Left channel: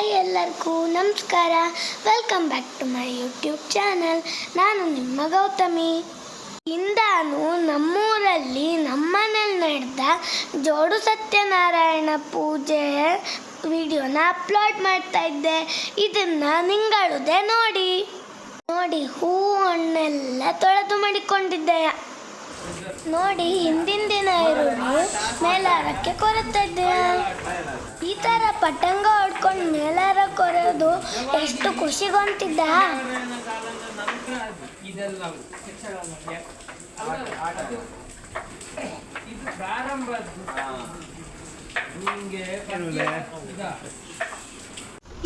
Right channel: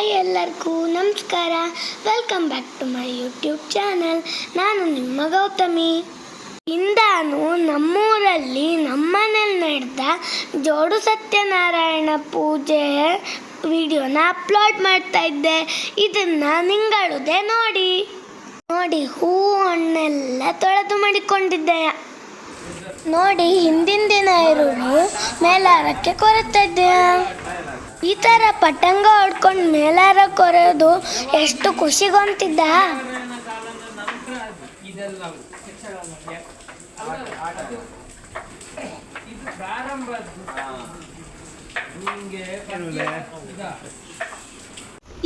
Hi ಎಲ್ಲರಿಗೂ ನಮಸ್ಕಾರ. Welcome back to my YouTube channel. ನಾನು ನಿಮ್ಮ ಗೌತಮಿ. ಇಂದಾನು ನಮ್ಮೂರಲ್ಲಿ ನಮ್ಮನೇಲಿ ನಡೆದ ಜೋಡು ಸತ್ಯನಾರಾಯಣ ಪೂಜೆ ವಿಡಿಯೋನ ಅಪ್ಲೋಡ್ ಮಾಡ್ತಾ ಇದ್ದೆ. ಇದನ್ನು ನಿಂಗಳುದೇ ನೋಡಿ ಹೂವು ಹಣ್ಣೆಲ್ಲ ತೊಳೆದು ಮಾಡಿಕೊಂಡಿದ್ದೆ. ನೋಡಿ ಹಿಂದಿನ ದಿನ ಈರುಳ್ಳಿ ಮೇಲಾರಕ್ಕೆ ಕೊರೆತಾ ಇದ್ದೆ. ಈ ಥರ ಪಟ್ಟಂಗ ಹೊಡ್ಕೊಂಡು ಮೇಲಾರ ಕೊರೆಯೋದು ಎಷ್ಟು ಖುಷಿಗೊಂತಿದ್ದ.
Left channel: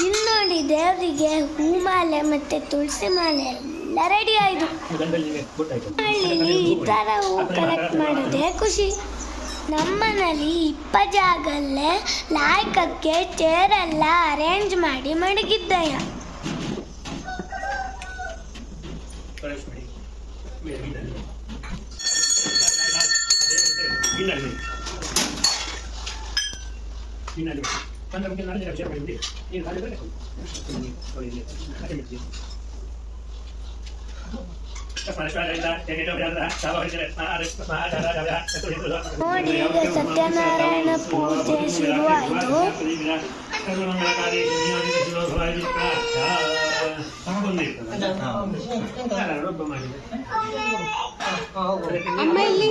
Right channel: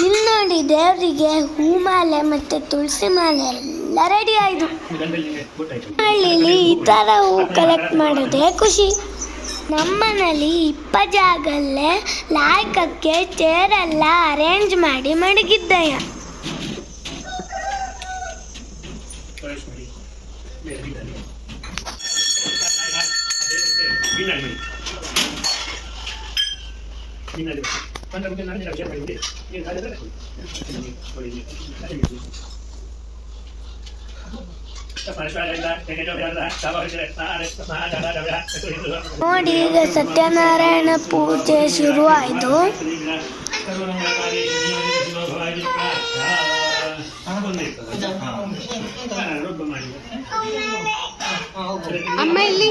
ಇಲ್ಲಿ ನೋಡಿ ದೇವರಿಗೆ ಹೂಮಾಲೆ ಮತ್ತು ತುಳಸಿ ಮಾಲೆ ಎಲ್ಲ ರೆಡಿ ಆಯಿತು. ಹಳ್ಳಿಲಿ ಈ ಥರ ಹೂ ಕಲೆಕ್ಟ್ ಮಾಡೋದೇ ಖುಷಿ. ನಮ್ಮನೇಲಿ ಇಪ್ಪ ಜಾಗಲ್ಲೇ ಲಾಯ್ಕಕ್ಕೆ ಚೇರೆಲ್ಲ ಅರೇಂಜ್ ಮಾಡಿ ಮಡಗಿದ್ದೆ. ನೋಡಿ ಈಗ ಸತ್ಯನಾರಾಯಣ ಪೂಜೆ ಶುರು ಆಯಿತು. ಅಮ್ಮ ಇಲ್ಲಿ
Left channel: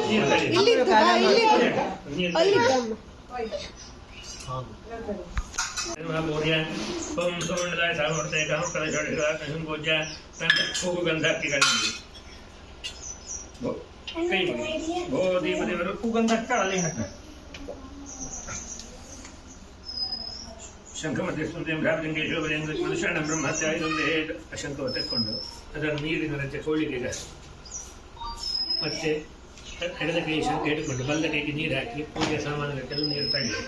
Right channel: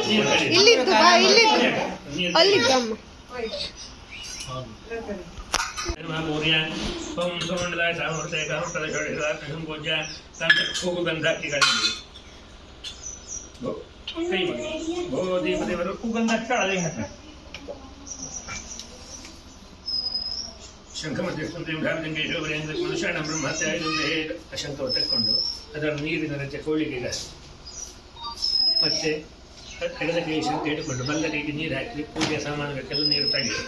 ಶಂಕವ ತೆಕ್ಕೊಂಡು ಅದನ್ನು ನೀರಿನ ರಚೆ ಕೋಳಿಗೆ ಮತ್ತೆ ಎಡದ ಕೈ ಶಂಕ ಹಿಡ್ಕೊಂಡು ಬಲ್ಲ ಕೈಗೆ ನೀರು ಹಾಕಿ ಪೂಜೆ ಸಾಮಾನುಗಳಿಗೆಲ್ಲ ನೀರು ತಗಿದೆ.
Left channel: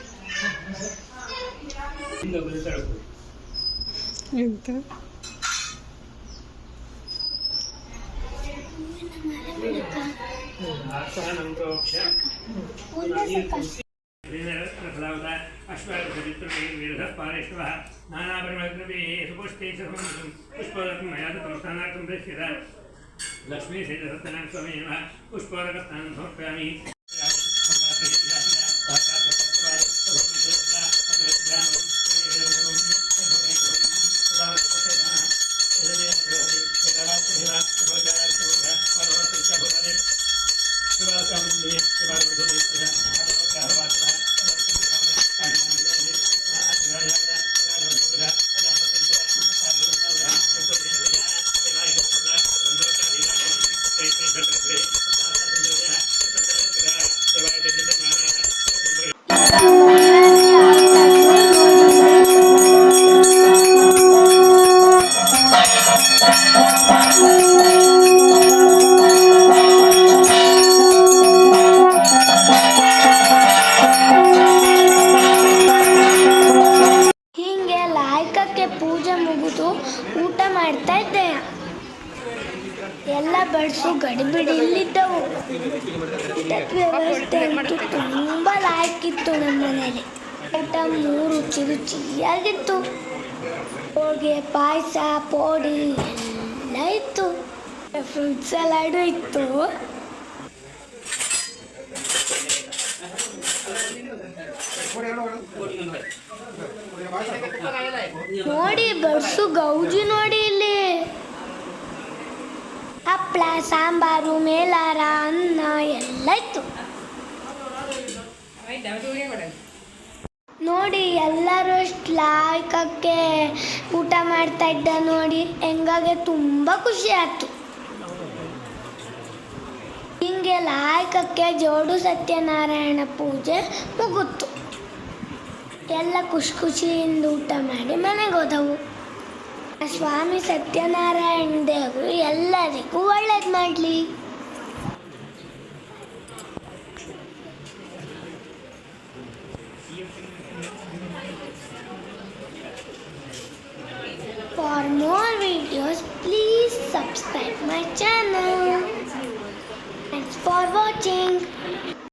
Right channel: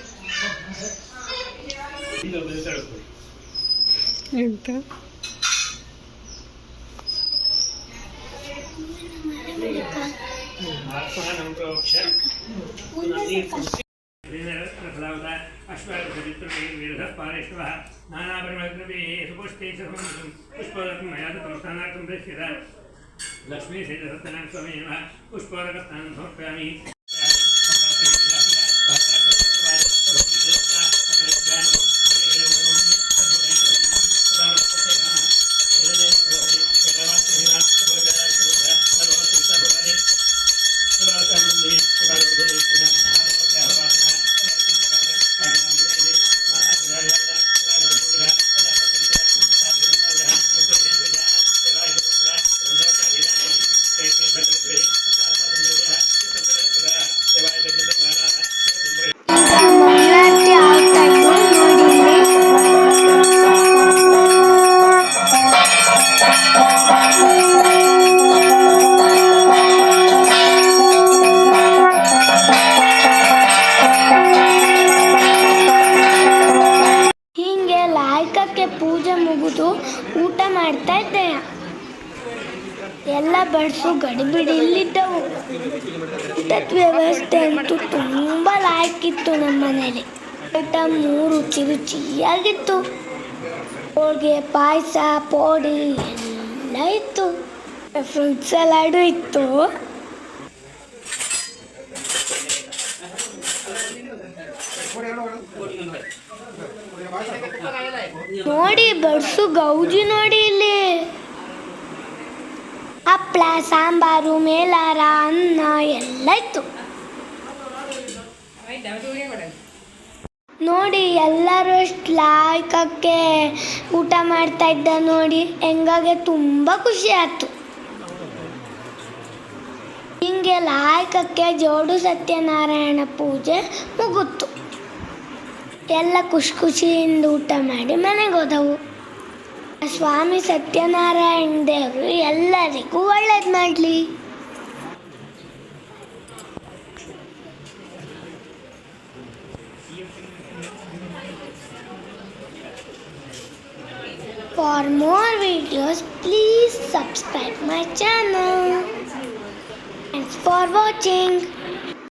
लक्ष्मी से सत्यनारायण स्वामी पुष्परकतान् समर्पयामि. ಪೂಜೆ ಮುಗಿದು ಊಟ ಮಾಡ್ತಾ ಇದ್ದೆ. ಎಲ್ಲ ಬಡಿಸು ಗಡಿಬಿಡಿ ಇಲ್ಲಿದ್ದವು. ಊಟದ ವ್ಯವಸ್ಥೆ ಅಂತೂ ತುಂಬ ಲಾಯ್ಕಿತ್ತು. ನಮ್ಮ ಮನೇಲಿ ಊಟ 3 ರುಚಿಯಾಗಿತ್ತು. ಹೋಳಿಗೆ, ಪಾಯಸ, ಪೋಡಿ ಎಲ್ಲ ಇತ್ತು. ಫ್ರೂಟ್ ಸಲಾಡು ಇತ್ತು. ನೋಡಿ ಬಡ್ಸು ಗೌಜಿ ನೋಡಿ ಇಲ್ಲಿ ಹಪ್ಪಳ, ಸಾಂಬಾರು, ಮೇಲಾರ, ಅನ್ನ ಎಲ್ಲ ಇತ್ತು. ನೋಡಿ ಎಲ್ಲರೂ ಅಷ್ಟು ಲಾಯ್ಕಕ್ಕೆ ಊಟ ಮಾಡ್ತಾ ಇದ್ದ ನೋಡಿ ಹೆಂಗಾಗೆ ತುಂಬ ಖುಷಿ ಆಯ್ತು. ಹಿಂಗೆ ಲಾಯ್ಕಕ್ಕೆ ಜೋಡು ಸತ್ಯನಾರಾಯಣ ಪೂಜೆ ಮುಗಿತು. ಎಲ್ಲ ಖುಷಿಯಿಂದ ಊಟ ಮಾಡಿ ಮನೆಗೆ ಹೋದವು. ಸ್ವಾಮಿ ಸತ್ಯನಾರಾಯಣ ದೇವರು ಎಲ್ಲರಿಗೂ ಒಳ್ಳೇದು ಮಾಡಲಿ.